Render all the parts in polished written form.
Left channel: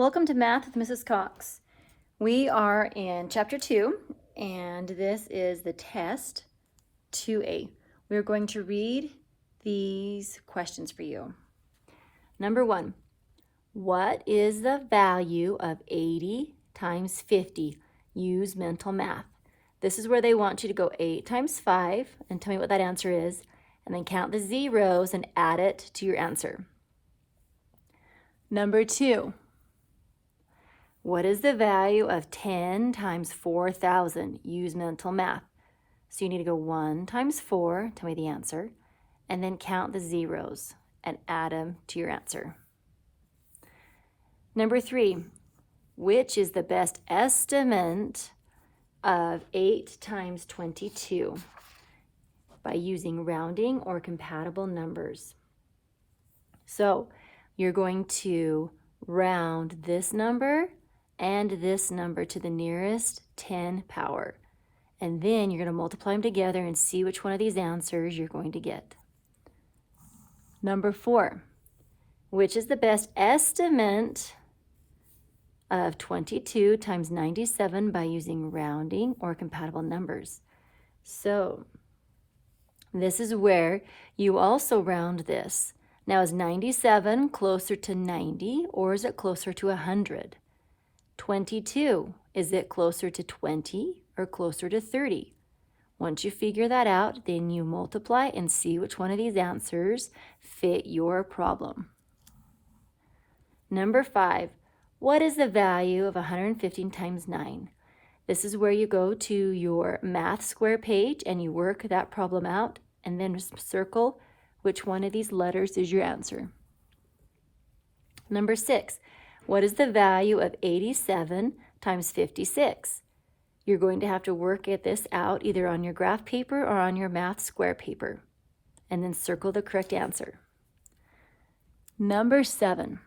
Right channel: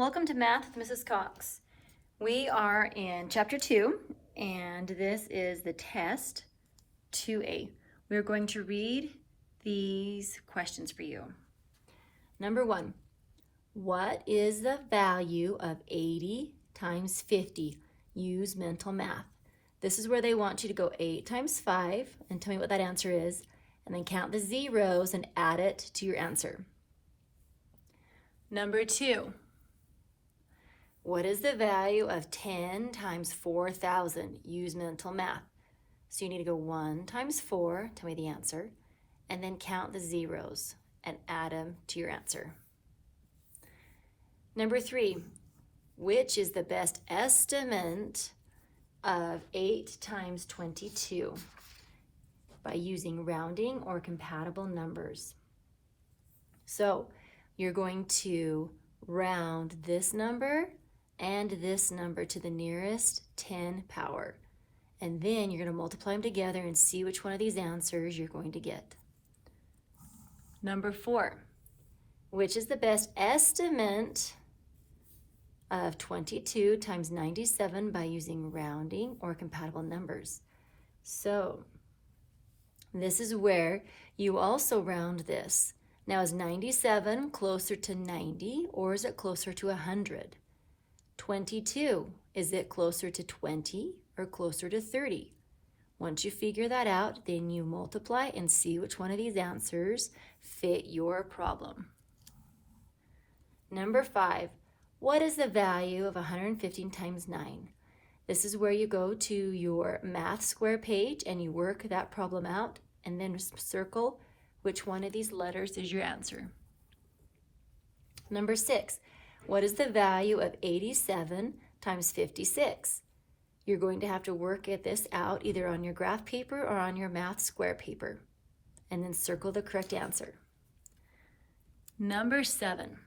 Welcome to Math with Mrs. Cox. We are in Chapter 2, and this is the test 2A. We're going to read these questions for you. Number 1, what is the value of 80 times 50? Use mental math. This is where they want you to go 8 times 5 and tell me what that answer is, and then count the zeros and add it to your answer. Number 2, what is the value of 10 times 4,000? Use mental math. So you need to go 1 times 4, tell me the answer, and then count the zeros and add them to your answer. Number 3, which is the best estimate of 8 times 22? By using rounding or compatible numbers. So you're going to round this number and this number to the nearest 10 power. And then you're going to multiply them together and see which one of these answers you're going to get. Number 4, which is the best estimate of 22 times 97 by using rounding or compatible numbers? So this is where you also round this. Now, is 97 closer to 90 or is it closer to 100? 22, is it closer to 20 or closer to 30? Once you figure that out, then you multiply and see which one of these answers fit your problem. Number 5, what is the value of 115 times 9? This is where you go to your math square page and you work that problem out and then circle which one of these letters is your answer. Number 6, what is the value of 87 times 56? You're going to have to work this out either on your graph paper or on your math square paper, and then circle the correct answer. Number 7,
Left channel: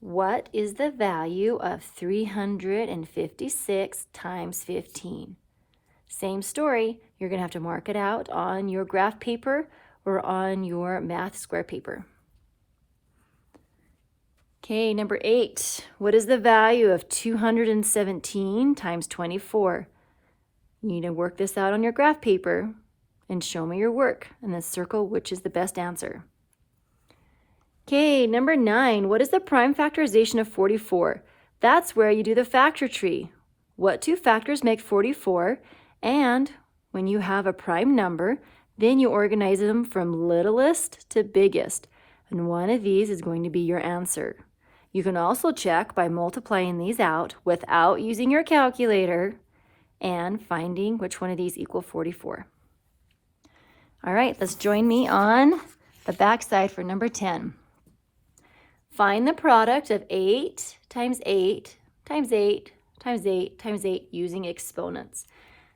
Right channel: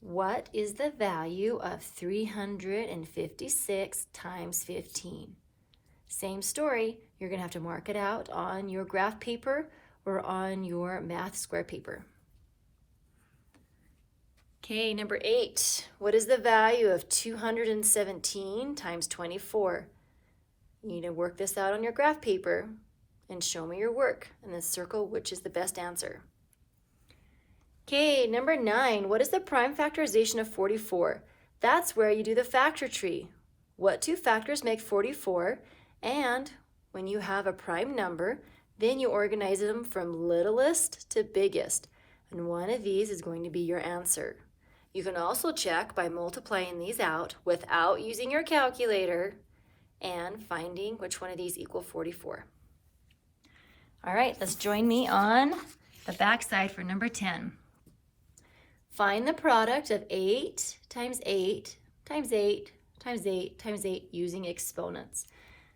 what is the value of 356 times 15? Same story, you're going to have to mark it out on your graph paper or on your math square paper. Okay, number 8, what is the value of 217 times 24? You need to work this out on your graph paper and show me your work, and then circle which is the best answer. Okay, number 9, what is the prime factorization of 44? That's where you do the factor tree. What two factors make 44? And when you have a prime number, then you organize them from littlest to biggest, and one of these is going to be your answer. You can also check by multiplying these out without using your calculator and finding which one of these equal 44. All right, let's join me on the back side for number 10. Find the product of 8 times 8 times 8 times 8 times 8 using exponents.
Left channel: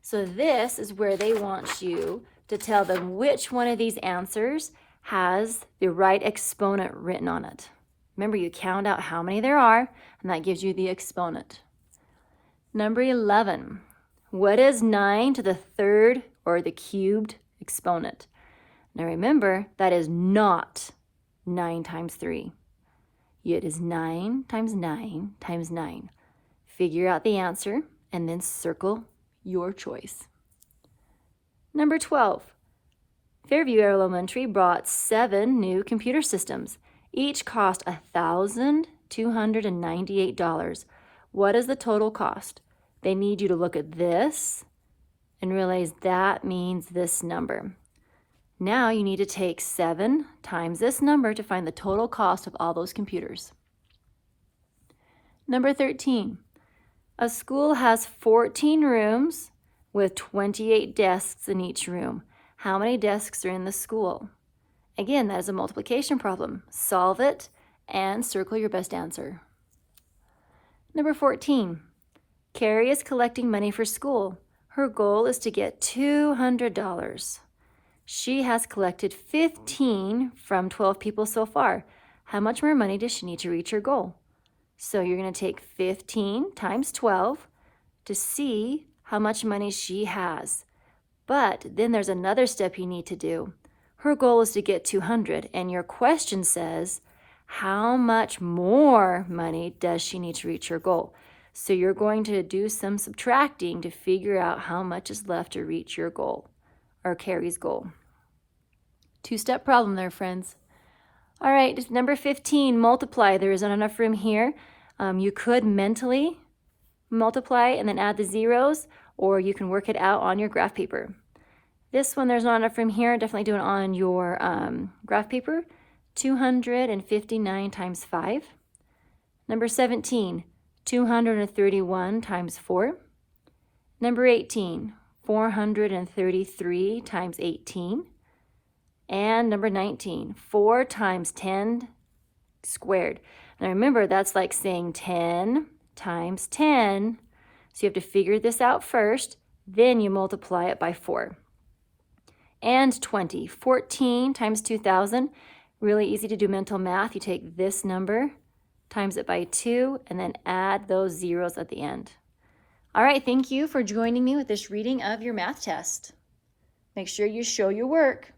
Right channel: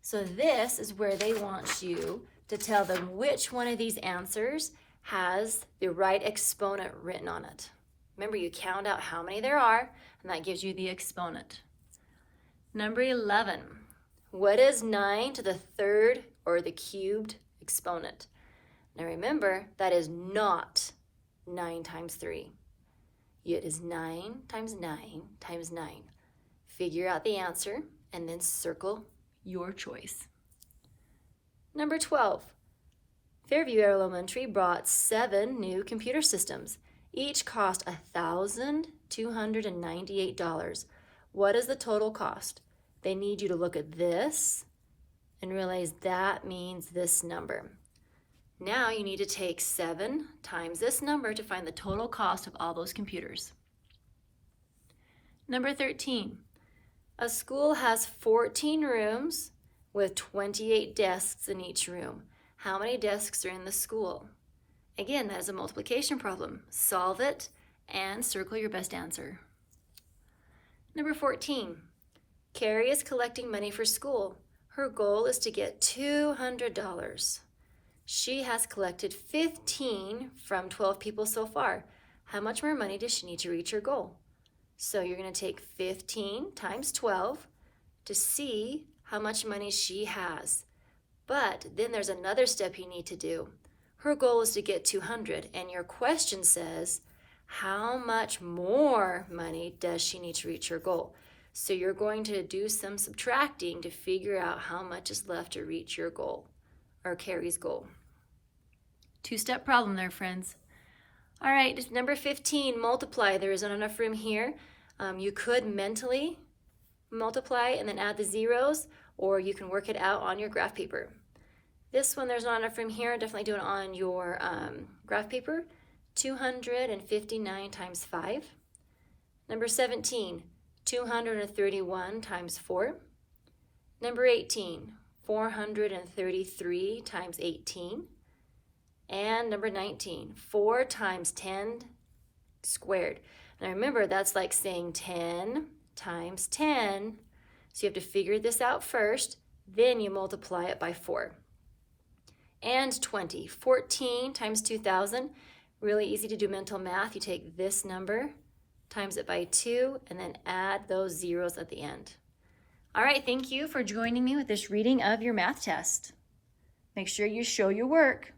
So this is where they want you to tell them which one of these answers has the right exponent written on it. Remember, you count out how many there are, and that gives you the exponent. Number 11, what is 9 to the third or the cubed exponent? Now remember, that is not 9 times 3. It is 9 times 9 times 9. Figure out the answer and then circle your choice. Number 12, Fairview Elementary brought 7 new computer systems. Each cost $1,298. What is the total cost? They need you to look at this and realize that means this number. Now you need to take 7 times this number to find the total cost of all those computers. Number 13, a school has 14 rooms with 28 desks in each room. How many desks are in the school? Again, that is a multiplication problem. Solve it and circle your best answer. Number 14, Carrie is collecting money for school. Her goal is to get $200. She has collected 15 from 12 people so far. How much more money does she need to reach her goal? So you're going to take 15 times 12 to see how much money she has. But then there's another step you need to do. Her goal is to get 200, and your question says, how much more money does she need to reach her goal? So you're going to do some subtracting to figure out how much is left to reach your goal, or Carrie's goal. Two-step problem there, friends. All right, number 15, multiply. There isn't enough room here. You could mentally multiply and then add the zeros, or you can work it out on your graph paper. This one, there's not enough room here. Definitely do it on your graph paper. 259 times 5. Number 17, 231 times 4. Number 18, 433 times 18. And number 19, 4 times 10 squared. Now remember, that's like saying 10 times 10. So you have to figure this out first, then you multiply it by 4. And 20, 14 times 2,000. Really easy to do mental math. You take this number, times it by 2, and then add those zeros at the end. All right, thank you for joining me with this reading of your math test. Make sure you show your work.